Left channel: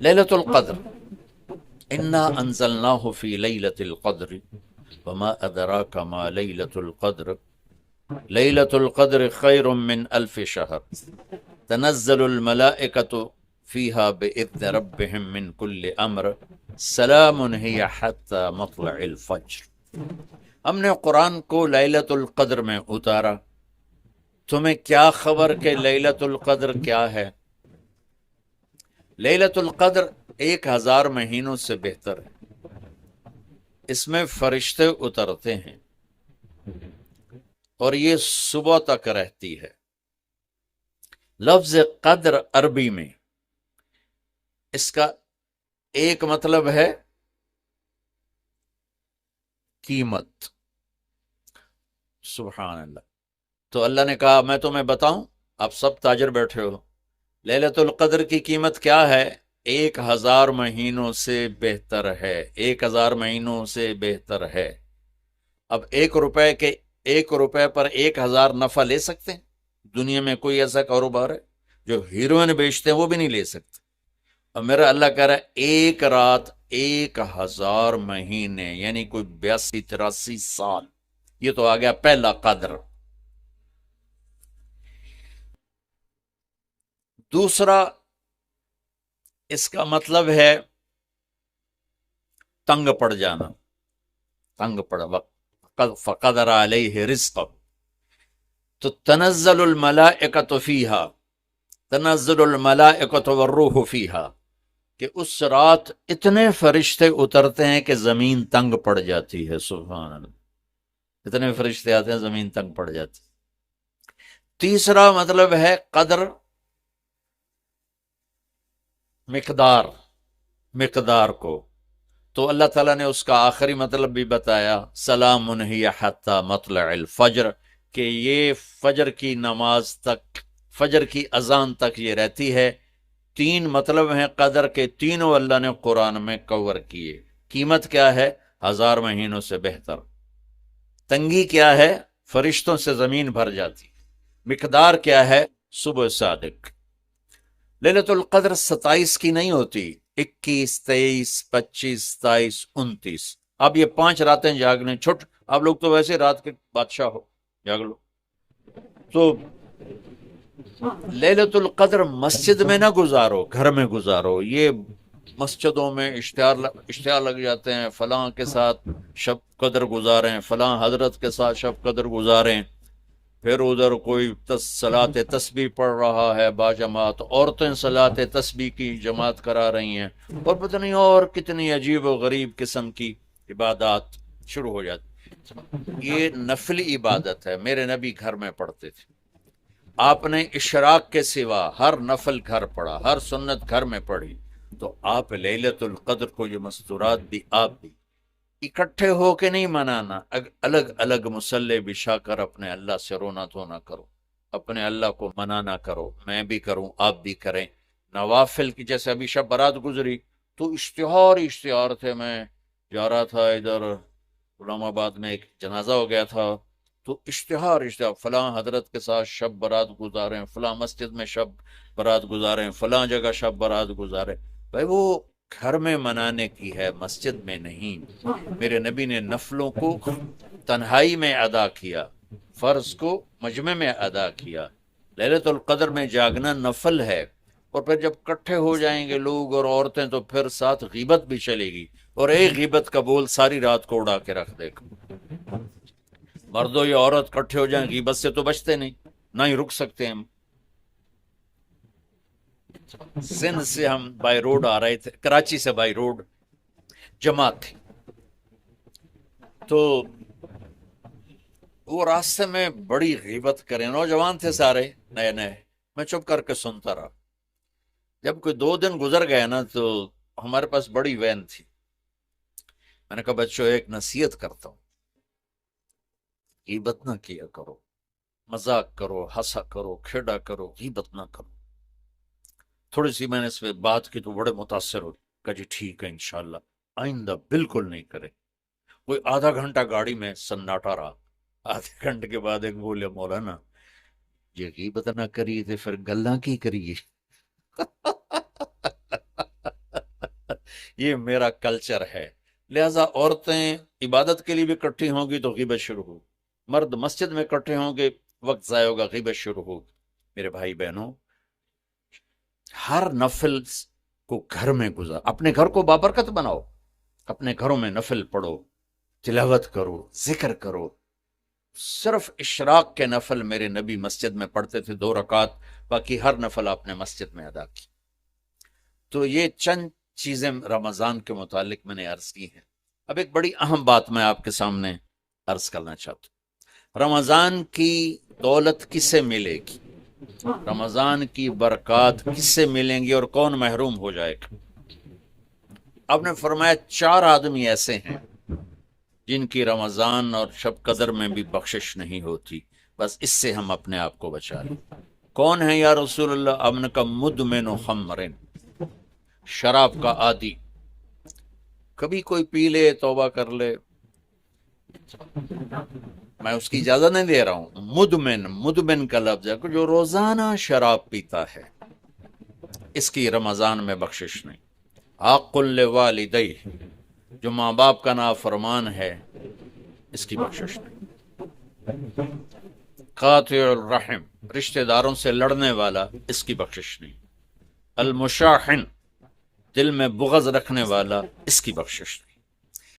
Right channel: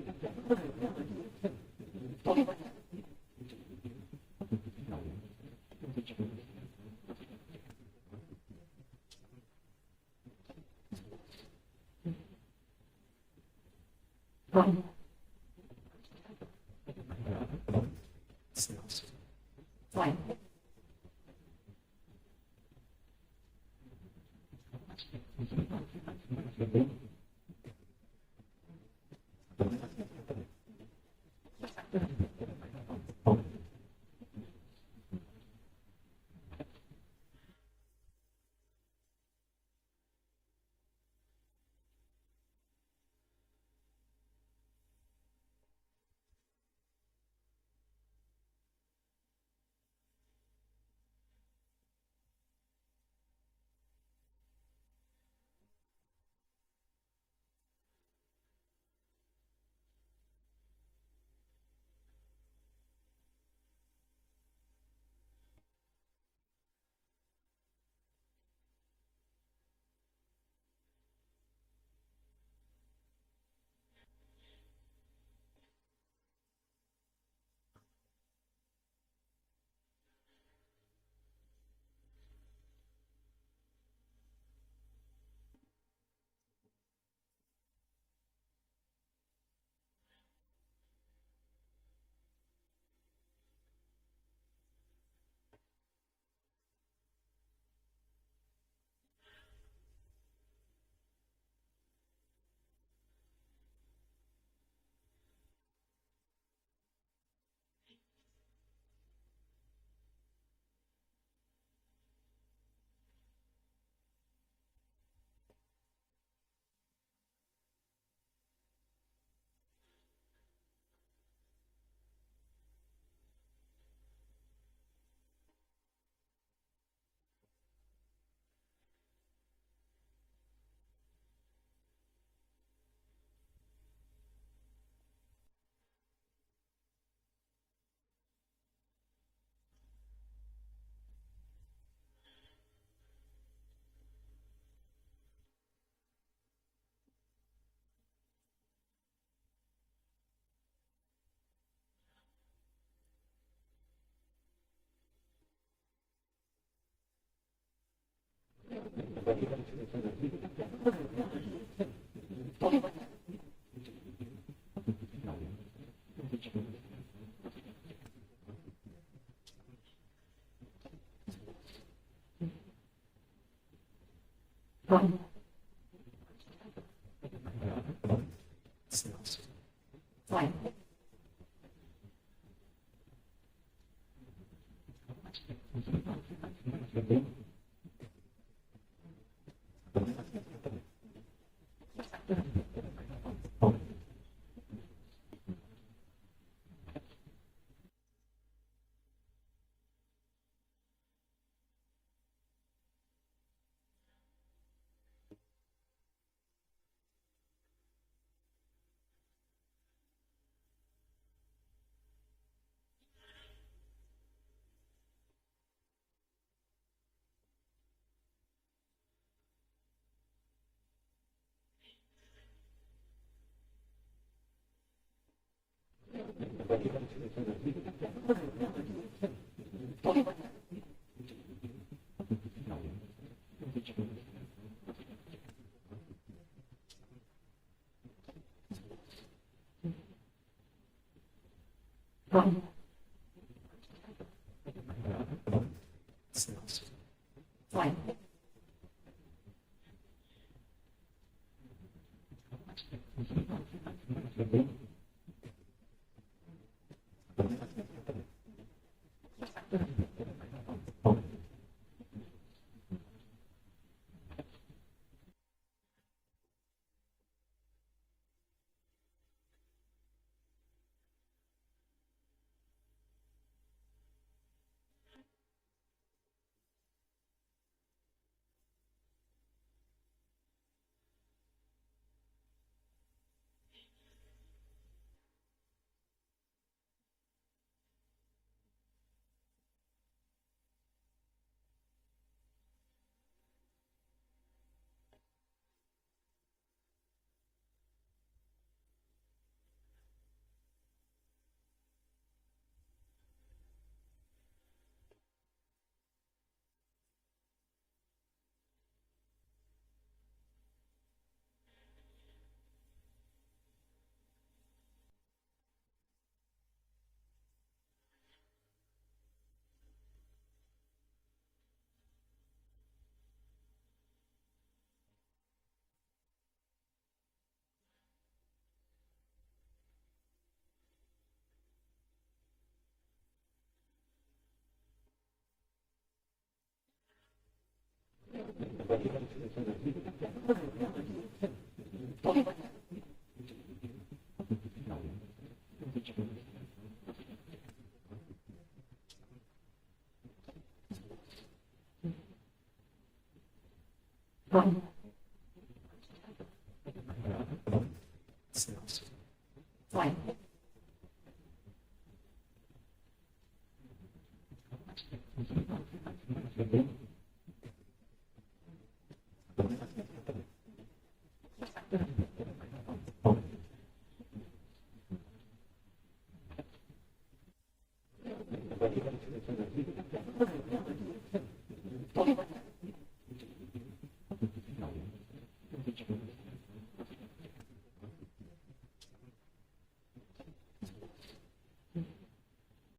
لیلۃ القدر، انا انزلناہ فی لیلۃ القدر وما ادراک ما لیلۃ القدر لیلۃ القدر خیر من الف شہر تنزل الملائکۃ فیہا بإذن ربہم من کل امر سلام ہی حتی مطلع الفجر۔ ہم نے قرآن کو لیلۃ القدر میں اتارا، تمہیں کیا خبر کہ لیلۃ القدر کیا ہے؟ لیلۃ القدر 1000 مہینوں سے بہتر ہے، اس میں فرشتے اترتے ہیں اور یہ صبح تک رہتی ہے۔ لفظ قدر عربی میں اس کا ایک مطلب ہے قیمت، سبحان اللہ۔ تو اللہ نے کہا میں تمہیں بتاؤں، آپ سب تاجر بیٹھے ہو، لیلۃ القدر کی قیمت کیا ہے؟ 1000 مہینوں سے بہتر ہے، 1000 مہینوں سے بہتر ہے۔ اب 1 روپے پر 1000 نفع لے سکتے ہیں؟ دنیا میں کوئی ایسا کاروبار ہے؟ جو ہیروئن بیچتے ہیں وہ بھی نہیں لے سکتے۔ اور میرا اللہ کہہ رہا ہے 1 رات 1000 مہینے، یعنی کوئی 82-83 سال۔ یہ تو آ گیا پہلا قدر۔ دوسرا اس کا مطلب ہے تنگ پڑ جانا، تنگ پڑ وقت فقدر علیہ رزق، تو تنزل الملائکۃ فیہا، تنزل الملائکۃ والروح فیہا، کہ اس رات اتنے فرشتے اترتے ہیں کہ زمین تنگ پڑ جاتی ہے، سبحان اللہ، اتنے فرشتے آتے ہیں زمین تنگ پڑ جاتی۔ تیسرا مطلب ہے قدر، مقدار کو، تو اللہ تعالیٰ نے اس کا آخری مطلب بھی بتایا، سلام ہی حتی مطلع الفجر، کہ یہ فجر کی نماز تک، فجر کی اذان تک یہ رہتی ہے۔ 3 مطلب ہیں قدر کے، تینوں اللہ نے قرآن میں کور کیے۔ قیمت کیا ہے؟ 1000 مہینوں سے بہتر۔ تنگی کیا ہے؟ فرشتوں سے زمین بھر جاتی۔ مقدار کیا ہے؟ صبح صادق۔ لیلۃ القدر 27 کی نہیں ہوتی، 21، 23، 25، 27، 29۔ اب یہ 5 راتیں جاگ لیں، چھٹ، آپ لوگ تو ویسے رات کے بادشاہ ہو، جاگ لو۔ تو لیلۃ القدر مسجد میں نہ گزارو، گھر میں گزارو۔ یہ مسجدوں میں اشتہار لگ جاتے ہیں، فلاں کے ساتھ شب قدر گزاریں، فلاں حضرت کے ساتھ شب قدر گزاریں، پھر ادھر کوئی صلاۃ تسبیح پڑھ رہا ہے باجماعت، عورتیں صلاۃ تسبیح کی جماعت کرا رہی ہیں، اور پتہ نہیں اور کتنی عجیب و غریب قسم کی عبادات شروع ہو جاتی۔ یہ نفلی عبادت ہے، میرے نبی گھر میں پڑھتے تھے۔ آپ نے اشراق کے سوا ہر نفل گھر پڑھا، ہر سنت گھر میں پڑھی، تو آپ لیلۃ القدر کو یہ مستورات بھی آپ بھی اکٹھے ہو کے نہیں منانا، الگ الگ مصلے بچھا کر اپنے اللہ سے رونا دھونا کرو، اپنے اللہ کو منانا کرو، میں بھی کروں، آپ بھی کریں۔ نوافل کی، جیسے ابھی شب برات گزری تو اشتہار تھے، میں جا رہا تھا ادھر غلام آباد میں، ایک جنازہ ہو گیا تھا، تو اشتہار فلاں حضرت کے ساتھ شب برات گزاریں، فلاں مسجد میں شب برات گزاریں، فلاں جگہ شب برات گزاریں۔ بھائی وہ گھر میں منانے کی ہے، مسجد میں نہیں۔ میرے نبی نے نفلوں کو تنہائی میں ادا کیا، فرض کو مجمع میں ادا کیا۔ لیلۃ القدر میں جاگنا نفل ہے، اور پھر جب کٹھے ہو جائیں گے لوگ اور عورتیں تو پھر ساتھ غیبت بھی چلے گی، اور ایک غیبت کا بول ساری رات کو اڑا کے رکھ دے گا۔ مردوں یا عورت کٹھے ہو جائیں، غیبت سے تو بچتے نہیں، نہ ہی رک سکتے ہم۔ سندھ سے ہم بائی روڈ آ رہے تھے، کراچی سے بائی روڈ جماعت تھی، تو وہ راستے میں بڑی غیبت کریں، نوجوان تھے سارے نئے نئے، میں چپ کر کے سنتا رہا۔ جب کوئی 2 دن گزر گئے نا، تو ہمارے پاس بڑی وین تھی، میں نے کہا بچوں ایک نصیحت کرتا ہوں، غیبت نہ کیا کرو، مذاق کرو، ہنسا کرو، کھیڑا کرو، غیبت نہ کرو۔ تھوڑی سی میں نے اس پہ بات کی تو بڑے متاثر ہو، کہا جی ٹھیک ہے انشاءاللہ آئندہ بالکل نہیں کرے۔ کوئی آدھا گھنٹہ گاڑی میں سناٹا رہا، آدھے گھنٹے کے بعد ایک بولے مولانا یہ غیبت نہ کریے تو پھر گلاں کی کریے؟ یہ میرا کلچر ہے. لہٰذا عورتیں عبادت کے لیے بھی اکٹھی ہوں گی تو غیبت شروع ہو، مرد مسجد میں اکٹھے ہوں گے وقت ضائع ہوگا، غیبت شروع ہو. میرے بھائی بہنوں، ہر نفل کو گھر میں گزار، اپنے گھر کو بابرکت بناؤ، اپنے گھروں میں نفل پڑھو، تلاوت کرو، ذکر کرو. صرف اشراق کے نفل میرے نبی مسجد میں پڑھتے تھے 2 رکعت، باقی ہر نفل آپ نے مسجد میں ادا کی. تو یہ چند چیزیں رمضان کے متعلق میں نے عرض کی ہیں. اب ایک بڑی اہم بات میں آپ کے سامنے عرض کرنا چاہتا ہوں. رمضان کی دولت کس سے ملے گی؟ رمضان کی برکات کس سے ملیں گی اور کون محروم ہو جائے گا؟ آپ نے فرمایا 4 آدمی ایسے ہیں جن کی رمضان اور شب قدر میں بھی بخشش نہیں ہوتی، بس اس سے ہم اپنے آپ کو بچائیں. کون ہے یا رسول اللہ؟ آپ نے کہا مدمن خمرن، شراب کا عادی. کبھی کوئی پی لے توبہ کر لے، میں اس کی اجازت نہیں دے رہا ہوں. مدمن کا لفظ ہے جو روزانہ شراب پیتا ہے، اس کی رمضان میں بخشش نہیں. حق لوالدیہ، جو ماں باپ کا نافرمان ہے، اس کی بخشش نہیں. قاطع الرحم، رشتہ داروں سے لڑنے والا، اس کی بخشش نہیں. المشاحن، دل میں بغض رکھنے والا، اس کی بخشش نہیں.